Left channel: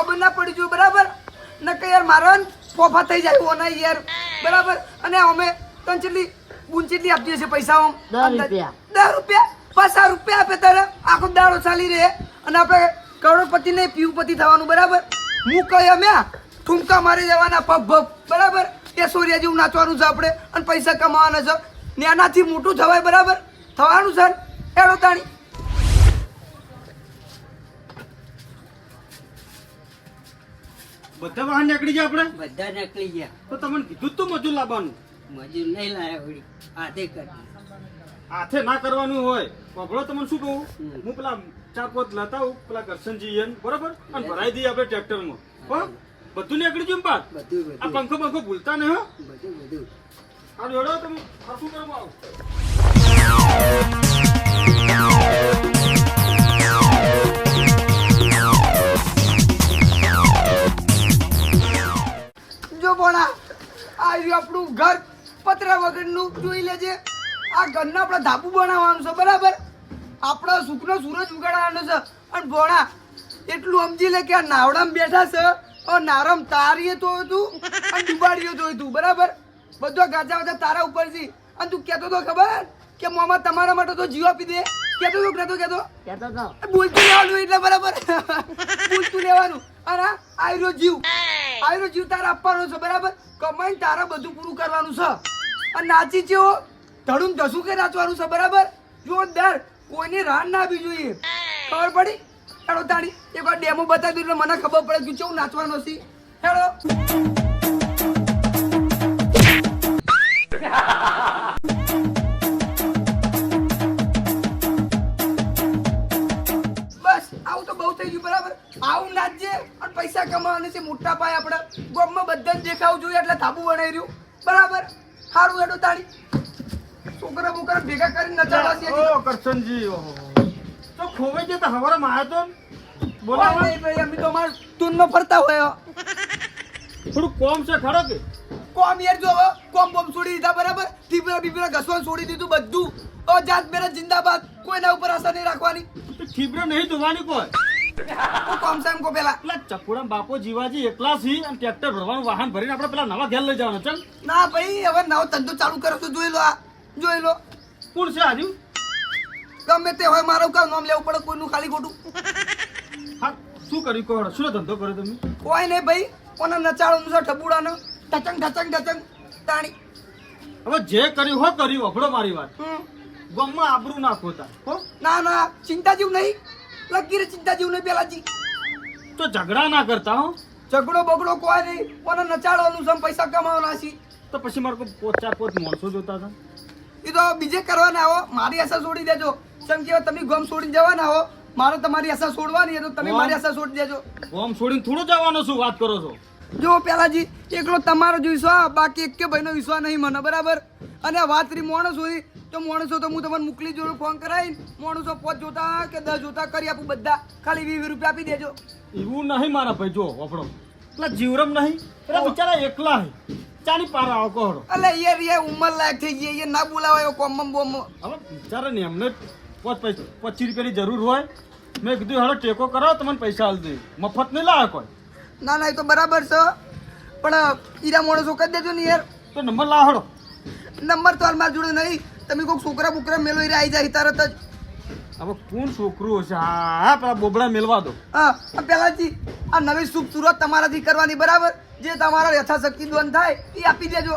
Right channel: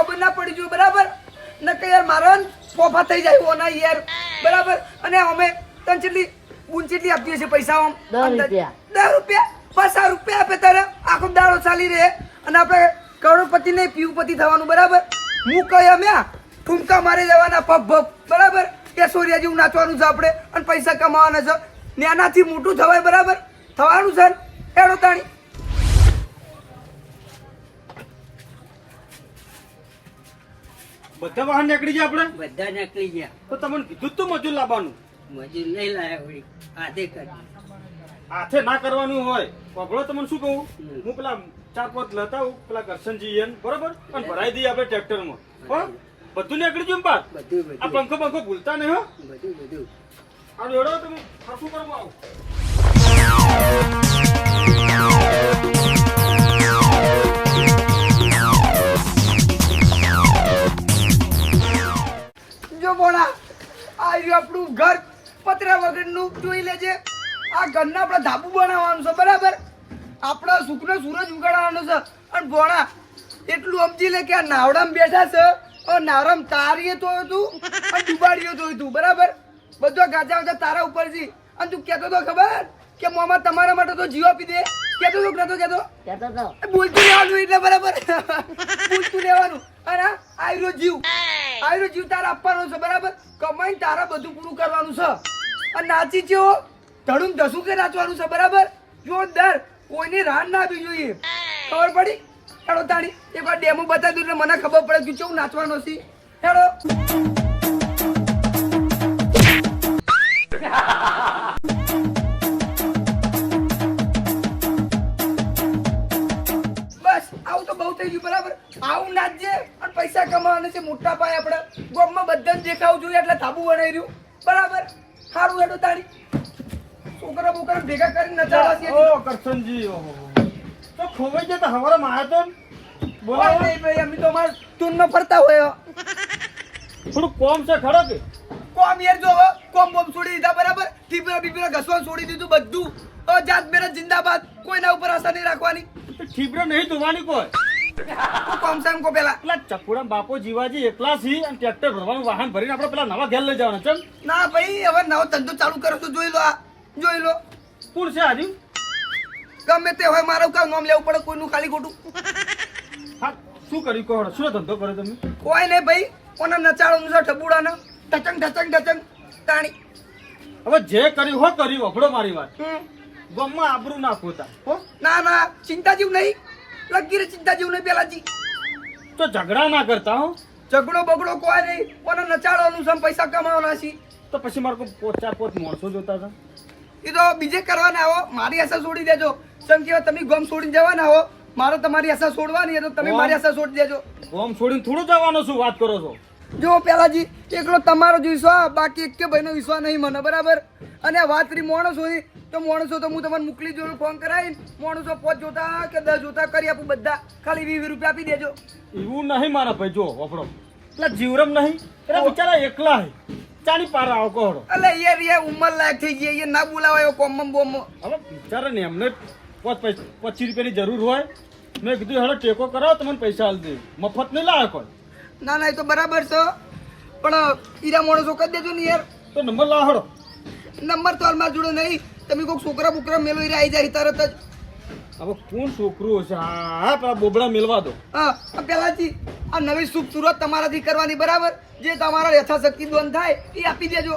ખબર ના પડી જોઈએ બરાબર નકે યાર મારા ફોફા થઈ જાય ઓના યાર બરાબર અને અમે તન ચેટલી ગુંચેટલી આપીએ છે પૈસા આમ 10 રૂપિયા 10 રૂપિયા 50 રૂપિયા આપે તારે આખો દાડો ચાલી રહે અને આપણે કરોડપતિ ને પીયુપતિ થવાનું બરાબર હું કહે અમે ઠુમકા મારે જવાના પગ ભગ બરાબર એ સોરિયા જેવું નાચવાનું છે આપણે અને પૈસા કમાવાના છે નાનાથી મોટું થવાય બરાબર થવાનું છે એડો તાણી બધા વાહન નીકળી ગયા આપણે બધા નીકળી ગયા તો તમને કીધું તું મજૂર લાવવાનું મજૂર નહીં લાયા વળી આધે કરી હાથે ના કરવાનું હોય પકડો તમને શું કહું હું પેલા 4-5 લેતા આવું પેલા કરશનજી એને બરોબર અને ભરાઈ દઈએ આપણે ટ્રેક્ટરમાં હો બધું નીકળી ગયું પાસ બધું આ પંખો ભૂલતા નહીં હો બધું આ જોડો તમે સરખું કરવા આવો જો બોણા આ રહ્યું આપણું ઘર પતરા વગરનું જોઈ લેજે આ ઘરના આપણે ધાબુ બનાવવાનું છે બરાબર આપણા સુખનો સૂરજ ઉગાડવાનો છે અને ભોણા એટલું સમજી લે કે આ નાવડામાં બેઠા છે અને નાવડામાં તારીએ તો હતું અને ડુબાડીએ તો હતું બરાબર બધો ગાજા ગાજા તારા ઉપર છે અને તું કહેતો તો ખબર કે મામા તમારા માટે તો જીવ આપી દે કહેતો તો કહેતો કહેતો તો બોલતું લેવાનું એટલે બરાબર બોલતું લેવાનું અને આયરો જીવ તારે આપવાનો છે બરાબર કમાઈને તારા બધું પૂરું કરવાનું છે અને નાચી છે ધડું ધસું કે નાચવાનું છે બરાબર જોરદાર કોઈની રાન ના આવી જોઈએ ખબર પડી હેડો તાણી એકવાર ડેમો બતાવી દઉં એટલે મને ખબર પડે કે કેવું નાચવાનું છે હેડો બસ આવું તો બહુ થઈ ગયું બરાબર આવું નાચજે અને પૈસા કમાવાના છે મોટા પાયે આપણે ગામમાં બધાને દેખાવું જોઈએ એટલે ધાબુ બનાવી રહ્યું બરાબર સારું હેડો તાણી છોકરા બોકરા ભેગા કરીને નચાડવા છે ઓ કરશનજી ઓહો તો ખોવાઈ જતા હવારે માયા તો બોલાવો નહીં ભાઈ અમે તો અમારા ટૂનમાં ફરતા હોય થોડું કોમ છે ખરો કે કોમ યાર જો હવે કોમ બોમ છોડી દીધા બરાબર ઠીપરા બીપરા ઘસવાનું છોડી દીધું બધું જાત મેરા જિંદાબાદ કોઈના ઉપર આશા નહીં રાખવાની ઠીબરે નહીં ધોવાની કોઈ કોમ સામ કો પેલા પેલા ચકુડા બાપો જીવાજી એકલા છે અને ટ્રેક્ટર ભરવાનું વાહન ભરીને આપણે પેલા નવા ઘેર લઈ જવાના ચલ ના ભાઈ હવે નવો ધંધો ચાલુ કરો તો જોઈ લો આ જોઈ લો કોણ છે આજુ ગમે તે હોય મારું કામ નામ લેવું પડે કોઈનું ખાલી ખોટું હા શું કર્યું કહો શું ધંધો કર્યો તમે કોઈ નહીં ભાઈ કોને નચાડવાનું છે ઠબુડાને ઢચંગ ઢચંગ ઢચંગ તાણી હવે જે કર્યું હો કર્યું વફડો મારી વાત હમ. ગમમાં આબરૂ ના ખોતા હો ના ના ચિંતા જેવું નહીં લગી રે ચિંતા જેવું નહીં પેલાજી તો ઝઘડા ના કરતા હો ઝઘડો બગડો કોઈ નહીં કોને નચાડવાનું છે પૈસા કમાવાના છે તો પછી મારે કોઈ 4-5 માણસો જોતા હતા એ તો બીજે કરવાના હો મારી આશા છોડી દેજો કેમ કે તમે ગમ છોડી જવાના હો મારે તમારી આશા છોડવાની છે તો તમે મારી આશા છોડી દેજો ગોમ છોડીને થોડું જવાનો શું વાત કરો છો જો પેલાજી એકલો તમારો જ વિશ્વાસ બાકી એક કે ભાઈનો વિશ્વાસ નહીં મને બરાબર અને આ વાત રહી માણસોની તો માણસો તો હું તમને મોકલી જોડું ફોન કરાવીને માણસો 5 જોતા કે 10 જોતા કરી આપું બધા ખાલી 20 રૂપિયા આપી દેજો એવું નહીં મારા ભાઈ જો વફડો પેલા જીવરમ નહીં પેલા બિચારા એકલા હે ચાની પાર આવો કહો અલે યાર ઉંમર લાયક થઈ ગઈ એ ના બોલાવાયો કોમમ બોમ હવે બિચારા ને એમને 25 રૂપિયાની જરૂર હોય મેં કીધું હેડો ટેકો કરાવો તમને પૈસા હાલ દે મફત નહીં લાવે કોઈ ના ના એ તો બરાબર છે પણ ઈરા માણસો કરી દેજો ને યાર તો નંબર લાવો હેડો નંબર તો હાલ મારા જોડે નહીં તમે કોઈક છોકરા બોકરા મેલો ઈરા આવી જાય તરત જ હવે કોણ છોકરું હશે હા પેલા બોબડા મેલવા દો હા પેલાથી આ નવી શુભ શરૂઆત તમારાથી કરવાની બરાબર જે તમારો યથાશક્તિ બંધ થાય એ આપી દેજો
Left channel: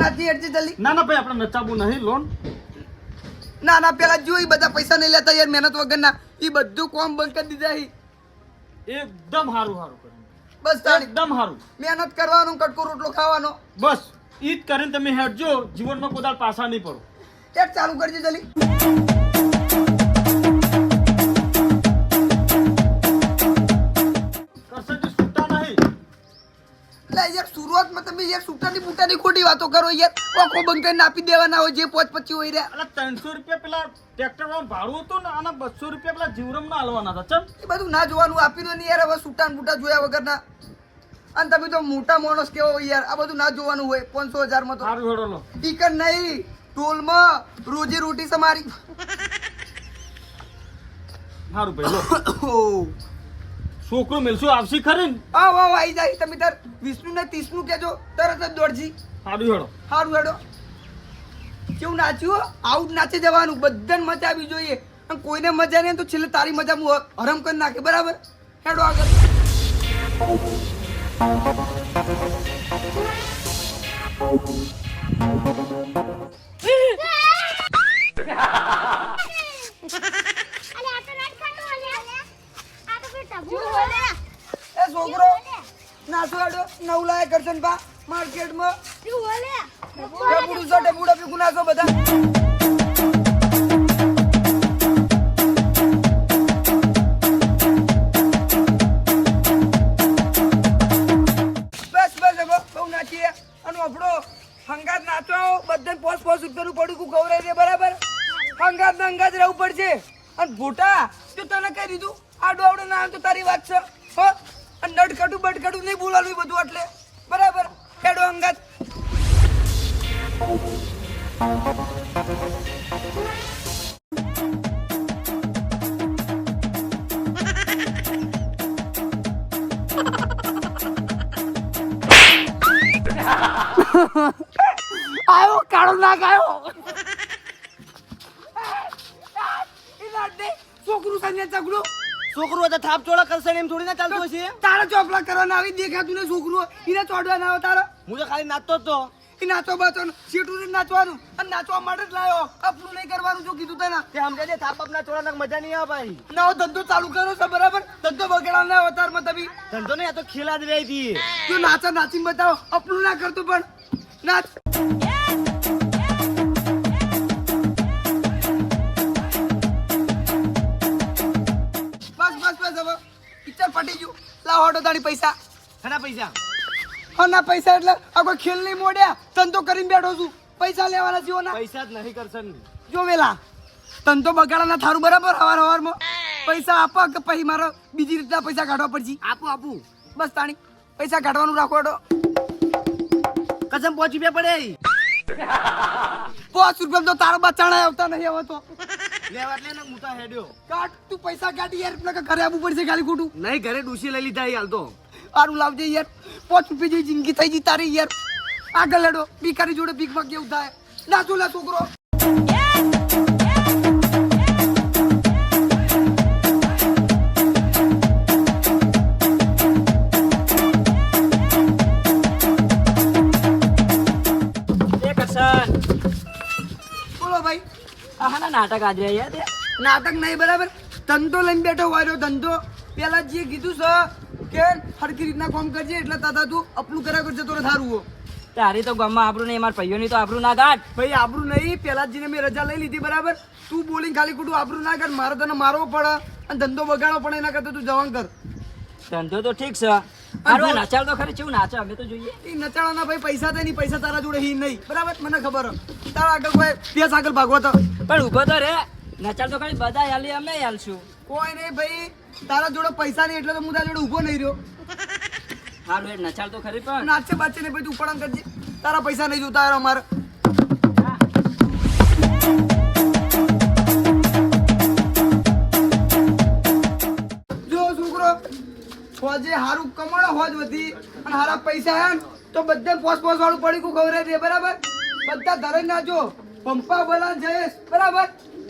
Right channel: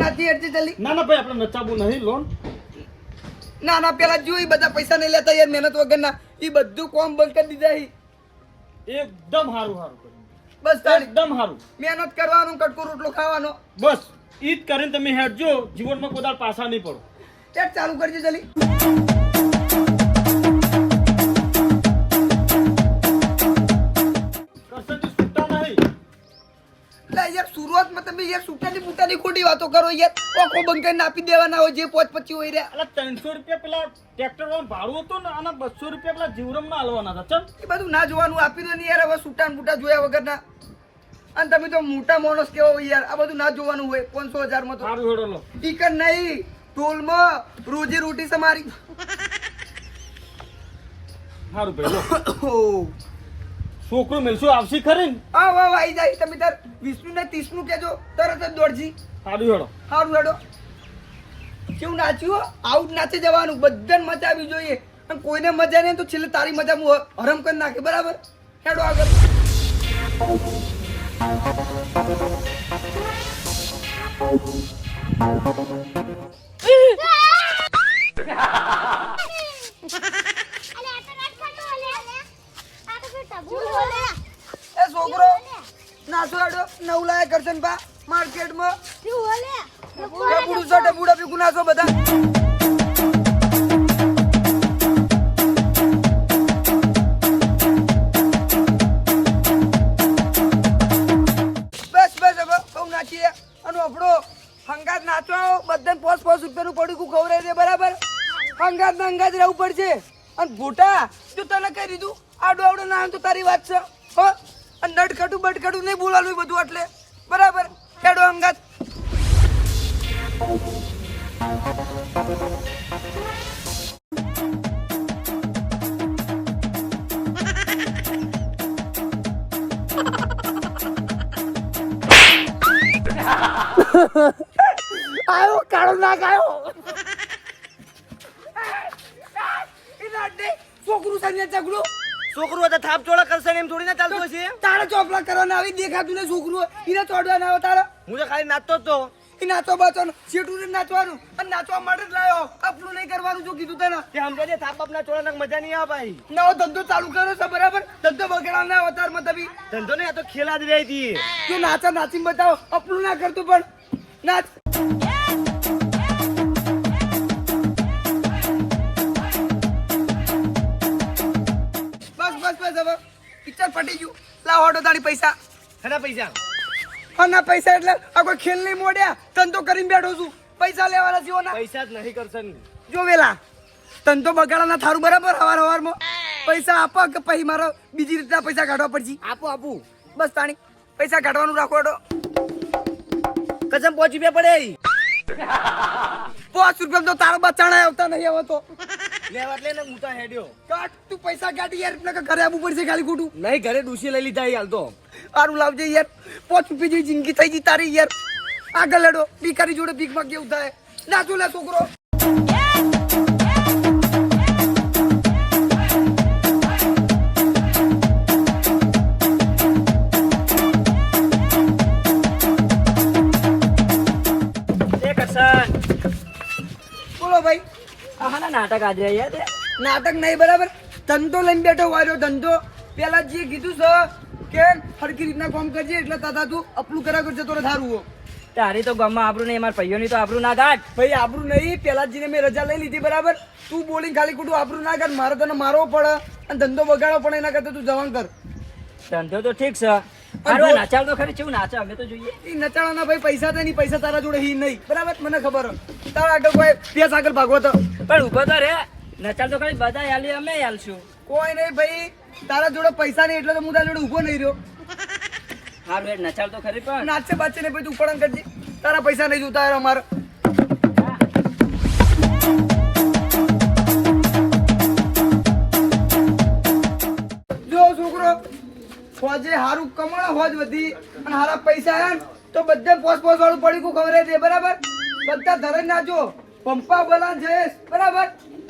નાથી અડજી જલ્દી ના ના ભાઈ આપણે નચાવું નહીં લોન ના ના પેલા જોઈ બધા પૈસા નહીં લેતા યાર મહેનત વગરના એ બધું કોમ બંધ કરી દીધા એકદમ સારું સારું કર્યું બસ તારી એકદમ સારું મહેનત કરવાનો કટકો રોટલો ખાવાનો બસ ઈ જ કરીને તમે હેડજો જીવનમાં કોઈ દાડ પાછા નહીં પડો એક ચાલુ કરજો જલ્દી કરશનજી છૂટા નહીં એટલે યાર શરૂઆતમાં તમે યાર છૂટાની બૂટાની ખોટી વાતો કરો યાર આખો બંધ કરીને આપી દેવાના હોય જે 5-25 હોય રહ્યા એટલે 300 રૂપિયા પેલા ટ્રેક્ટર માં ભાડું હતું ને અને 200 રૂપિયા પેલા જીવરમ ના હાલવાના હતા ચમ એ બધું ના જોવાનું આપી દો ને યાર હવે છૂટા બૂટા જોયા વગરના અને તમે તો મોટા માણસ કેવો યાર આ બધું ના જોવાનું હોય 500,000 માં તો સારું હેડો લો ટીકર નહીં ટોલમાં રોજી રોટી છે મારી સારું ભાઈ લો ઓહ. છોકરો મેલશું આવશે ખરી ને હા વાહ આવી જાય તમે તાર 20 ને 30 નું કેજો તરત જ દોડજી સારું હેડો સારું હેડો કેવું નાચ્યું હો? આવું જ નાચી જવાનું બધાને મજા આવી જોઈએ અને કોઈને મજા નહીં તો છેલ્લે તારી મજા હું હરમ કરી નાખે બરાબર હેડો આગળ એ છોકરો નાચો હેડો નવલાય કરશન બા માર્કેટમાં ડબુડા ભેગું નાચો બધા બસ બસ હવે બહુ નાચીએ અને આપણો હંગાત નાચો બધાને પોસ રૂપિયાનું પડીકું ખવડાવી દે બરાબર હંગાત ને હંગાત રહેવું પડશે અને ભૂટા તો તને કહી દીધું આ ડોવડો ના તો તારી વાત છે હો અને દડકટું બડકટું નહીં બોલાવાનું બધું એટલે બરાબર ખેડો હંગાત આયો કાળો નાગ આયો છોકરું તને ચગડું છોકરો તો થાપ ચોળા કરશે ને એમ થોડી ના ચાલતું હશે તારા ચોપલા કરવાના આવી દેખાતું ને છોકરું એને ચોડવા ના આવે તારા હું તો ખાલી નાચતો જ તો એ નાચો બાચો સીટું ને નાચવાનું અને નાચવા માટે જ લાયો કપલું નહીં કરવાનું જો કીધું તને તે સમજે થાપ બાપના ચોળા નાખ મજા નહીં આવે ભાઈ નવો ધંધો ચાલુ કર્યો છે બરાબર ધંધો બગડા ના અવતારમાં તમે ધંધો ને આ તો ખેલા જ રહી હતી જો નાચા નાચીને બતાવો અપલું ના કરતું પણ નાચ બસ બસ બસ હવે પિક્ચર પટી ગયું લાવ ઓટો તારી પૈસા ઘણા પૈસા હા ના પૈસા એટલે આ કોઈ ખેલ નહીં મોડ્યા ધંધો કરીને બેઠો છું પૈસા લેવાના જીવો ના પૈસા જ નહીં કરશે ને જો વેલા ધંધો બગાડાના થારું બરાબર હવારમાં પૈસા આપો કે પછી મારો બીજી રીતના પૈસા કાઢવા પડશે આપું બસ તાણી પૈસા કાઢવાનું રાખો એડો કસમ 5 રૂપિયા પડે 5 રૂપિયા તો તારો બચાણા આવતા નહીં હવે તો લેવા એટલે ને મુતા હેડ્યો કાઢ તું પૈસા કાઢી યાર એટલે ઘરે આવવું પડશે ખાલી ખોટું નહીં ઘરે ડૂસી લઈ લીધા હાલ તો સારું લાવજે યાર 5 રૂપિયા જેવી જિંદગી થઈ ગઈ તારી યાર આગળ લડો ભિખારી જોડે ભીખમાં કેવું થાય નાચો લે છોકરો બોલો ભાઈ આના નાટક આજે યાર નાટક નહીં બરાબર ધંધો લઈને બેઠો વાર્યો ધંધો પેલા જે કીધું છે કે હરકી રીતના કામ કરજે એટલે તાતા તું અપલું કર્યા કરજે તો સારું હો તારી તો ગામમાં આબરૂ નહીં મારા ભાઈઓની તો આબરૂ ના ગાઢ ભાઈ આબરું નહીં પેલા જીને મેં રજા લઈ લીધી બરાબર તું બોલીને ખાલી ખોટું આબરું ના કર મારે તને મારવો પડે અને ધંધો બગાડવો પડે એના કરતા તું જવાન કર ધંધો તો ઠીક છે હારું નાચાલ તો ખરી કેવું નાચે અમે તો જોઈએ એ નચાણાના ભાઈ પૈસા તો નહીં પૈસા તારા જોડે હી નહીં બરાબર મને ખબર હે. તારા આગળ કોઈ પેસ આગળ ભાગવો તો પણ ઉભો તો રે નચાલ તો ખરી બધા હાલી અમે હાલશું કોઈ નહીં ભાઈ તારા જોડે પૈસા નહીં એટલે તો હું તારા જોડે ઊભો નહીં રહ્યો હારું હેડ નચાલ તો ખરી પણ નાચે બાચે ને ભાઈ તું ઉપડાણ કરજે તારા પૈસા નહીં જોતા યાર અમારે જો છોકરો હોજે હારું કમાણો હોજ વધી અને હારા પૈસા હે ને તો બધે પોસ વાળું પડીકું ખવડાવી દે બરાબર બધા ધરે નાચો પંપા બોલા જયેશ બરાબર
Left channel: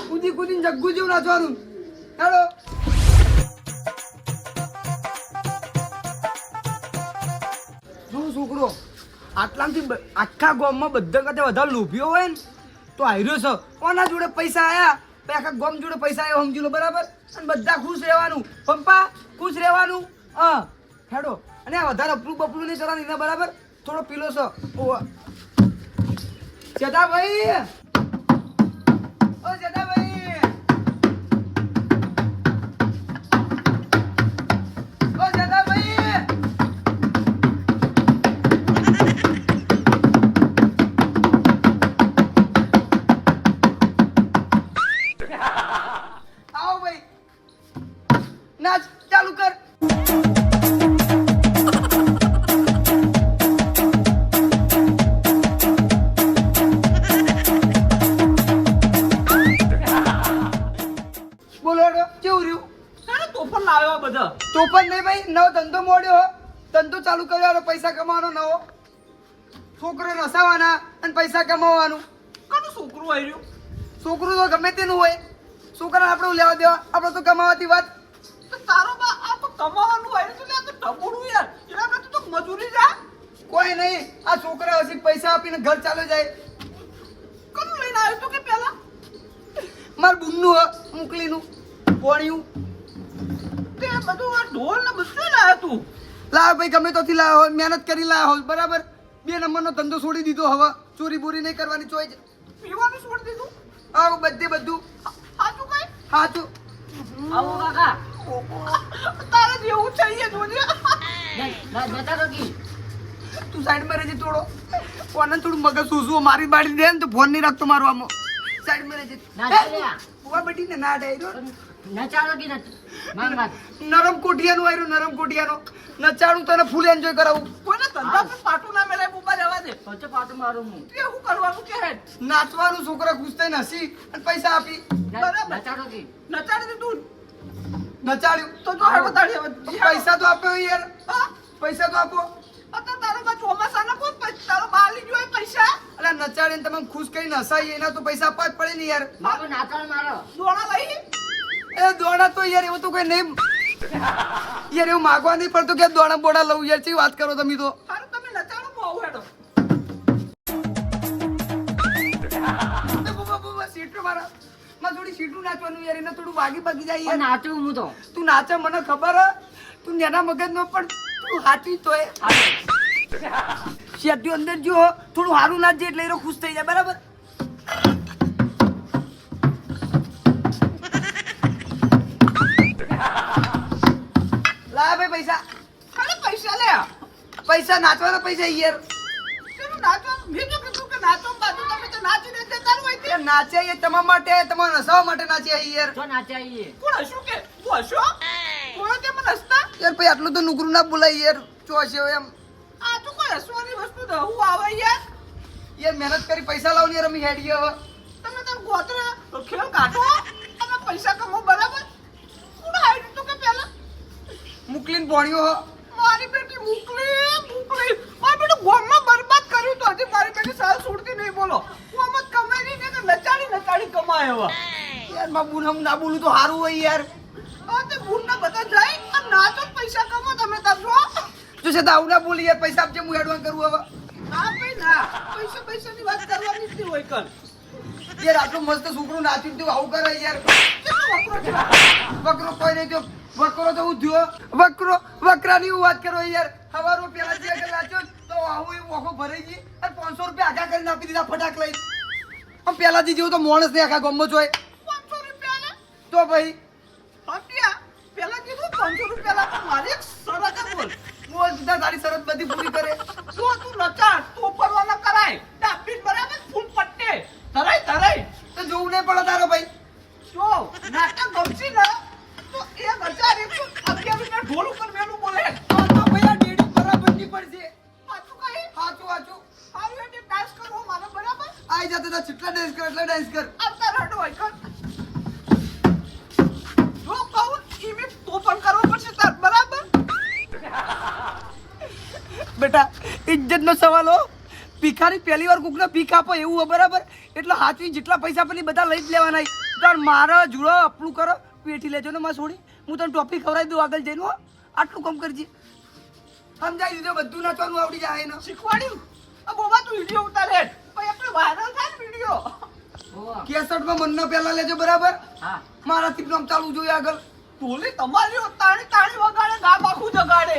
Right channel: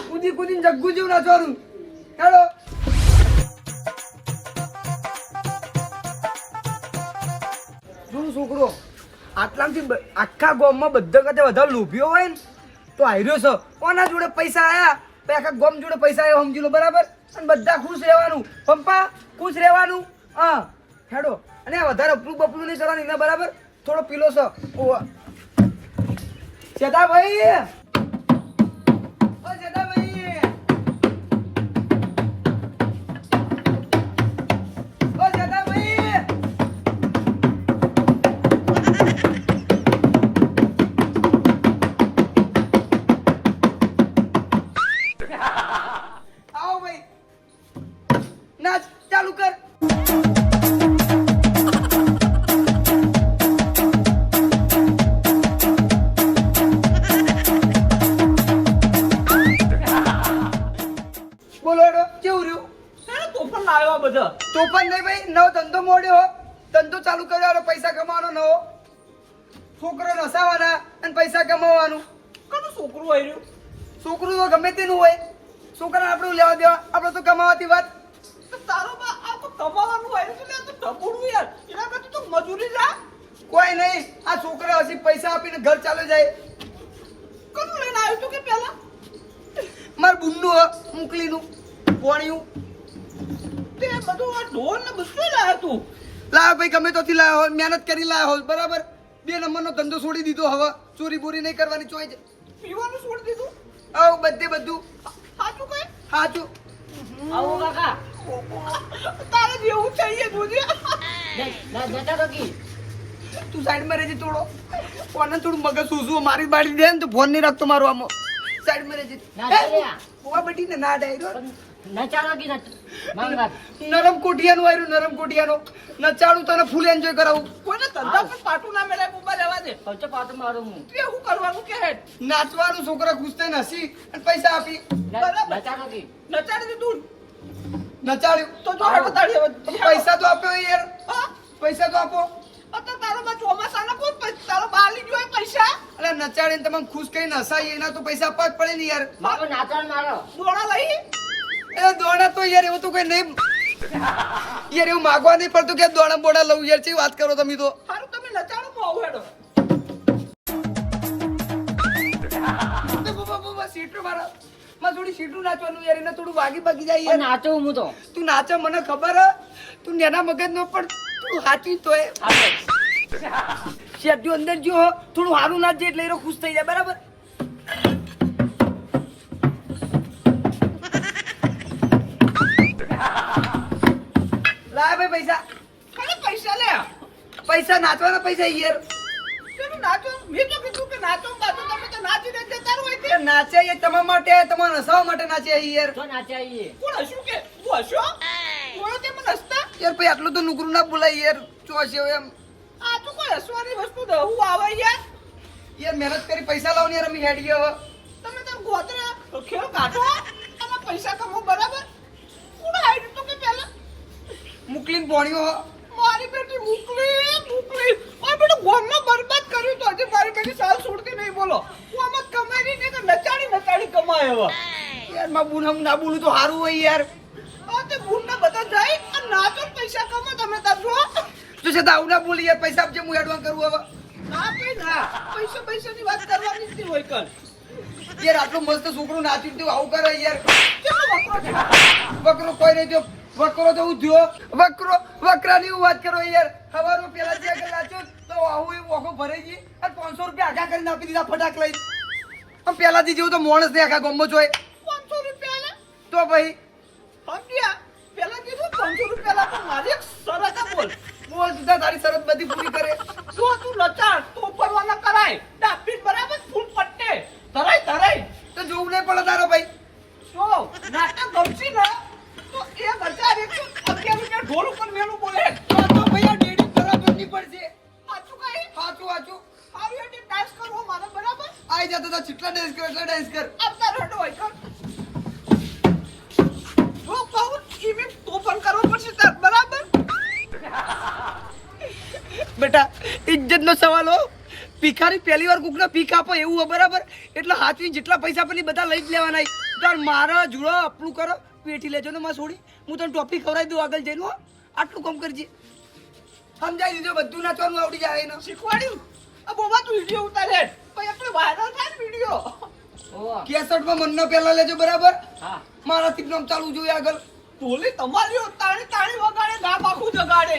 કૂદી કૂદીને જગ્ગુ જેવું નાચવાનું ચાલો જો છોકરો આટલાથી આખા ગામમાં બધા કરતા વધારે લોભીઓ હોય ને તો હાર્યો છે કોના જોડે પૈસા આયા તો આખા ગામ જોડે પૈસા આવ્યો સમજી લો બરાબર અને બધા ખુશ રહેવાનું પંપા ખુશ રહેવાનું હા હેડો અને આ વધારે અપલું બપલું નહીં કરવાનું એના બરાબર થોડો પીલો છે ઓવા ચેતાભાઈ ઓ ચેતાભાઈ ઓ ચેતાભાઈ આવો ભાઈ નાચ ચાલુ કર બોલો હેડો કેવું રહ્યું લાવ્યો બધો તો પણ નહીં ભાઈ, નવો ધંધો મોડ્યો હો. ધંધો ચાલુ કર્યો, પૈસા કમાવાનો નવો. છોકરો નસાવાના અને પૈસા કમાવાનું. કનું છોકરું આવ્યું છોકરું તો ગમે તેનું હોય, છોકરાને આપણે લેવા દેવા, આપણે તો કમાવાથી વાત. તો તારો બા આ તો કમાવાનું આવ્યું છે ને, આ તો ઢબુડું યાર. એના કરતા તો મજૂરી જા. કોઈ નહીં, આ છોકરા હજી પૈસા આપીને ઘર ચાલુ જાય. કનું લઈને આવ્યું તું કે પેલા મારા બુનનું મોકલીનું પોણિયું. તે બધું આ ઢોલ ને બધું લાવ્યો તું. લાવ ભાઈ, ગમે તોથી લાવ્યો હોય, મહેનત કરી લાવ્યો હોય, બરાબર. 2 નંબરનો ધંધો છોડી દીધો. હવે ચોરી બોરી નહીં કરવાની, ચોઈ જ પીવાનું છોડી દીધું. આવ બધું સાચું કઈ સાચું. આવો કાકા તારે જેવું છે એ જોજે. જતા તો કી તું સાઈડમાં રહેજે થોડો. કોને થોડું મગજ સૂસવું, મારી બાળી દે ને તો ફોન નહીં રાખતો મારો આમાં. સાઈડમાં રહેજે. ના ચાલે આ. બુવા બટીને ના ડાયરો. નચાડો કી નથી માંગ વાત નરમ કોઠિયાનું આવ્યું, નરમ કોઠિયાનો નચાડું, તને ફૂલ એન્જોય કરાવું. કોઈને ધંધા પર પાટું ના મેળાય, બુબા જવા દે. પંચો પાટું મારું હું તે શું કરવાનું કે હેડ નાચવાનું, છોકરા ખુશ થઈને હસી અને પૈસા આપી બરાબર. નચાડો કી નચાડી દીધું નચાડ્યું. તો જો હેડ બતાડી હવે પૈસા તો આપો યાર, હા પૈસા તો આપો. અત્યારે તારો બા ચોમાસાના કોણ તારો બા લઈ ગયો પૈસા અલા નચાડીને તમે ખુશ કરીને હસાઈ, એના તો પૈસા આપવા જ પડે ને યાર. મારો નાચણ મારો દોડા લઈ એ દોડા તો યાર એવું તો કઈ નહીં યાર, એવું માગવા નહીં પડતું કે દોડા બોડા લઉં યાર. ચી વાત કરો તમે તો. સારું તમે નચાડો બહુ હેડો સીટું મારા માં થોડી સીટું નાચવાનું યાર, એને થોડું વાગી બાગી જાય પણ યાર. નાચું હું તો તું નાચે મને ખબર હે, તું નેના મગજ નો પણ તું હાચી તો શેટ્યું અંદર જો થોડું સારું નાચજે એટલે એ ખુશ થઈ જાય, બરાબર. લાય ભાઈ પૈસા. ખાલી પૈસા લે પૈસા નાચવાના પૈસા યાર. તમે નાચો મેં તો કીધું કે નાચો બાજુ તમે તો નાચી દે જતા હોય તે એ નાચે એ તમારા માટે, તમારા નસાવા માટે નાચે યાર. તો નાચાઈએ કોણ હશું કે હું હશો કોણ તે મને હસતા યાર ભાઈ આટલું તો નુકરું ના બોલાય યાર. ચોશે એમ આ તો કોઈ હસવાની વસ્તુ તો હું આવે યાર યાર, મહેનત કરી પૈસા લાવ ને રમી હેડી હવે. તમે તાર ગોતરા ખેલ કાઢો અને પૈસા કમાઓ બરાબર કોણ આવી તો કે પેલા મુકલીન પોણ્યો હો. મારી બેટી મોકલી મારી બેટું ગોમમાં બરબાદ કર્યું તો હજી મારી બેટી સાલ છોડતી નહીં બોલો હું આમાં કમાઈ નહીં કે નચાડી કમાય હવે યાર માં બુન હમ ના બોલું તો સારું હોય યાર. આ તે બુનના બધા જાય અને નાચો ને પૈસા કમાઓ તમે તાર જો તું છે તો આવું ના બોલી યાર. પૈસા આપજે, હું એડવાન્સ કરું હવે. ના ભાઈ ના પૈસાની વાત કરવાની જ નહીં હોય કલ યાર આટલું મસ્ત છોકરું નાચ્યું તું આવું કરે યાર. કેટલો વકરો છે વકરો કોઈ નહીં થયો. વકરો તો હું થયો. વકરાની હું વાત કરો યાર. સવારમાં પેલા જે આગળ નાચ્યો ને તો આવું એવું ઓખો ભરાઈ ગઈ અને 500 રૂપિયા આગા કરીને આપી દીધા ફટાક લઈ. આમ પેલાથી જેવું તો માણસ ને આખા ગામમાં જોય 500 રૂપિયા ને તો ભાઈ હપ્યા પેલા કીધું 500 રૂપિયા લાગે મારી એક શરત બોલ બોલ સીધા તારી શરત બધી પૂરી કરે. જો તું લચાડ તો પરવાના કરાય ડાબી બરાબર ફૂલ પટ્ટે ધરાય તો જોવું નહીં પડે તારો ભાઈ. જો નાટક ગમશી ને તો 1111 ઢોલ ઉપર મેનું બોલે તો ભાઈ આ ડેડી બરાબર નહીં પડશે. સાચું કઈ સાચું સાચું. આવી એટલે ડાન્સ કરવો મારો બરાબર આઈ જતો તો જેટલા ડાન્સ કર એટલા ડાન્સ કર. આવતા રડો હોય કર જો કહું એવી તોફાન કરવો પડશે તાર બરાબર બેટા ઇજ્જત નો સવાલ હો. ભિખારી પહેલી વાર કોકને ભીખ આપો એવું હોય, બરાબર. એટલે હાથવી જેટલા પૈસા પણ બધા લઈ જ લેવાના. તાર મારા જુડો આપણું કરો, પેટી લેજો ને માં છોડી. હું તને ટોપી ખવડાવી દઉં આગળ જઈને. હો આટલું કામ કરજે. સમજાઈ દીધું, બધું નાચવાનું આવડી જાય એને. શીખવાડ્યું આ બોબા તું વિડિયો ઉતારે પછી આપણે વાયરલ થાય ને વિડિયો ઓ 61 માં મનનો પહેલા લેજો, બરાબર. હા મારાથી નામ ચાલુ જોઈએ આગળ. ઢોલી તમારી તાણી વગાડે ગામ આખું જગાડે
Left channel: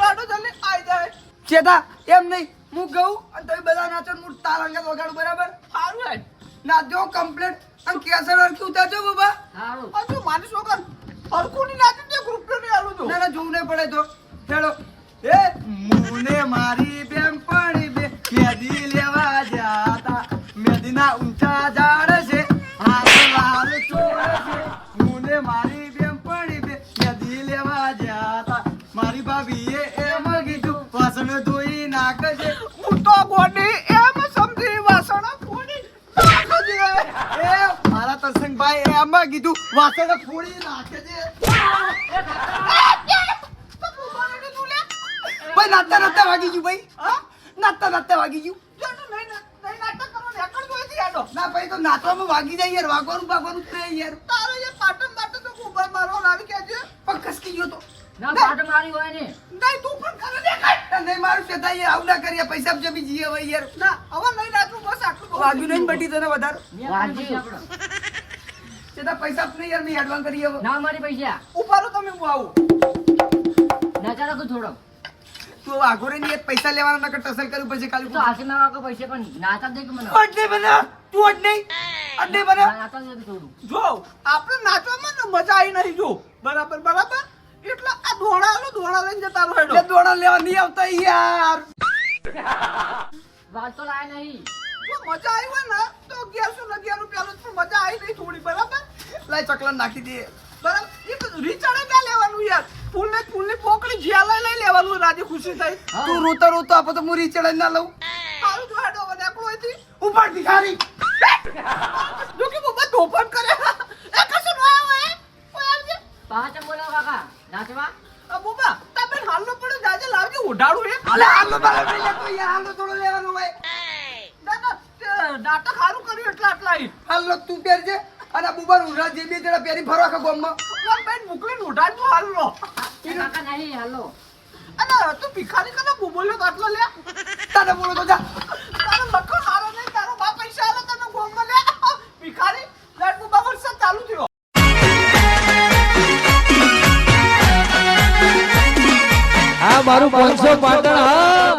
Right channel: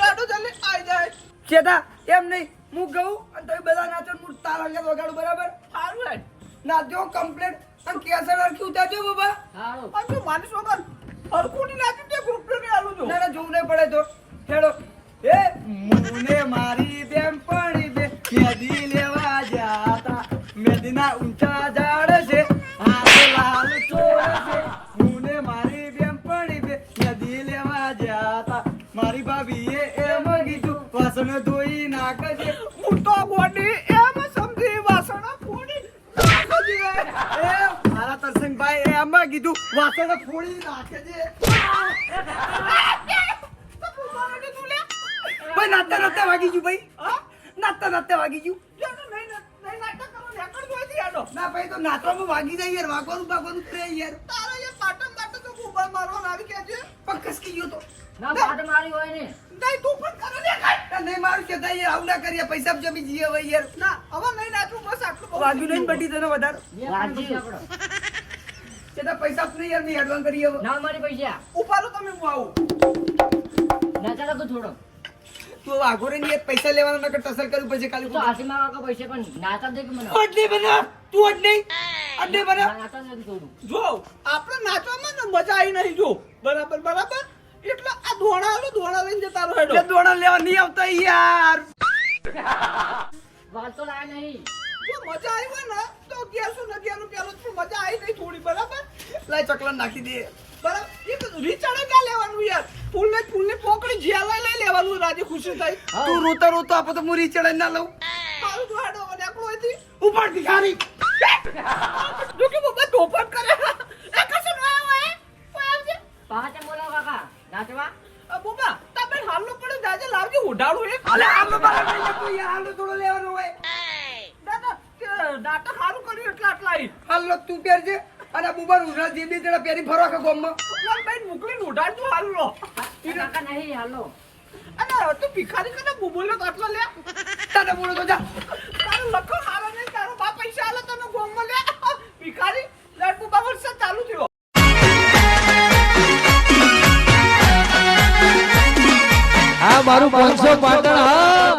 લાડુ જલ્દી આવી જાય ચેતા એમ નહીં, હું ગઉં અને તમે બધા નાચો ને હું તાર અંગત વગાડું, બરાબર. સારું હે નાચજો કમ્પ્લીટ અને કેસર અરખી ઉતારજો બાબા. સારું હજુ માની વગર હરખું ની નાખી દે ગ્રુપ ને આલું જો ના ના જોવું નહીં પડે તો હેડો. એ મુને મારી બેનપણી બે મેદી લેવા જાતા, મેદીના ઊંચા ઝાડ છે, હાથ લાલ ચોળ છે. મુને મારી બેનપણી બે મેદી લેવા જાતા, મારી ભાભીએ એમ કીધું વાસણ ધોઈ નાખજે. હું તો ગોડી એમ સમજી વાસણ ફોડી નાખજે. એ મારા તરસંગભાઈ એમ કીધું વાસણ ફોડી નાખજે. તો ભૂબાને કીધું લે. ભાઈ નાતા નાતા વાગી ગયું ભાઈ હા? નાતા નાતા વાગી ગયું જાનો નહીં નાટક કરો ને એકડ જોઈતી આડો. ના ભાઈ તો નાતવામાં વાગી જાય યાર વાગવાનું કરે યાર તારે જે પાટણ માટે તો ભૂબા મારવા આવી કેજે. પણ કસકી ગયો તો ના પાટ મારી હોય ને નહીં તું પણ કરે ને કાંઈ. તા નહીં મારું છે તાઈ આવું ના કરીએ પૈસા જમી જઈએ ભાઈ યાર ના હવે નહીં નાચું બસ આટલું બહુ વાગ્યું નહીં બટી તને વધારે વાગી આપણો. તે તા પૈસા નહીં યાર મેં એડવાન્સ કરીએ હવે ના મારી પૈસા ઉપાડો તમે હું આવું. નાચા તો થોડો તું વાઘો રે ની પૈસા લેવાના નકર ટસલ કર્યું પછી તો ખાલી હાથી માં વાગો પૈસા પણ નાચા દે કે મને અડને બના તું અડને બના નાચા દે થોડું જો આપણે નાચવામાં ને મજા આવી નહીં જો બરાબર બરાબર એટલે આ દોણા લઈને જતા રહો જે હેડો. દોણા લેવા નહીં આવતા યાર વાત તો લાય નહીં જો મજા આવી હોય ને તો 1111 રૂપિયાનું પણ મજા આવી નહીં થોડી બરાબર લાય ચકલા નાખી દે બરાબર એ તો રીચાડે ના લેવાનું યાર ફૂલની પોકળી જ્યાં લઈ લેવાનું રાજી ખુશી થાય. તું રોતો આપો તો મુરી ચડાઈ ના લઉં સારું જો હેડો હવે નેકળો અહીંથી. ઉપર ભિખારી જો કે બાબા તોફાન કરે એ કશું ના આવે કોઈ આવજે. પાંચ બોલા કાકા નાચવા આ બાબા તમે હાલનો પડે જાજે લાવજે ઉડાડું એક. અલે આલો બરાબર તો યાર આલો થોડો લેવાનો હોય નાટક સારું કર્યું એટલે આટલા આવી. હાલો તું પહેરજે અને બુબર ઉડા જે બે જણા પહેરી ફરો આખા ગામમાં બેન મોકલીને ઉડાડજો હાલનો. કાકા નહીં હાલો અને તું ભિખારી કને બોલ્યો તો આટલો લે. તને બોલો તો જા તારો લખો હારો નહીં તારો બા પૈસા આલે તને ગોમમાં લે ભિખારી લાડ બુબા વર્ષ ચાલુ થયો. આ મારું 500 પાટણ હા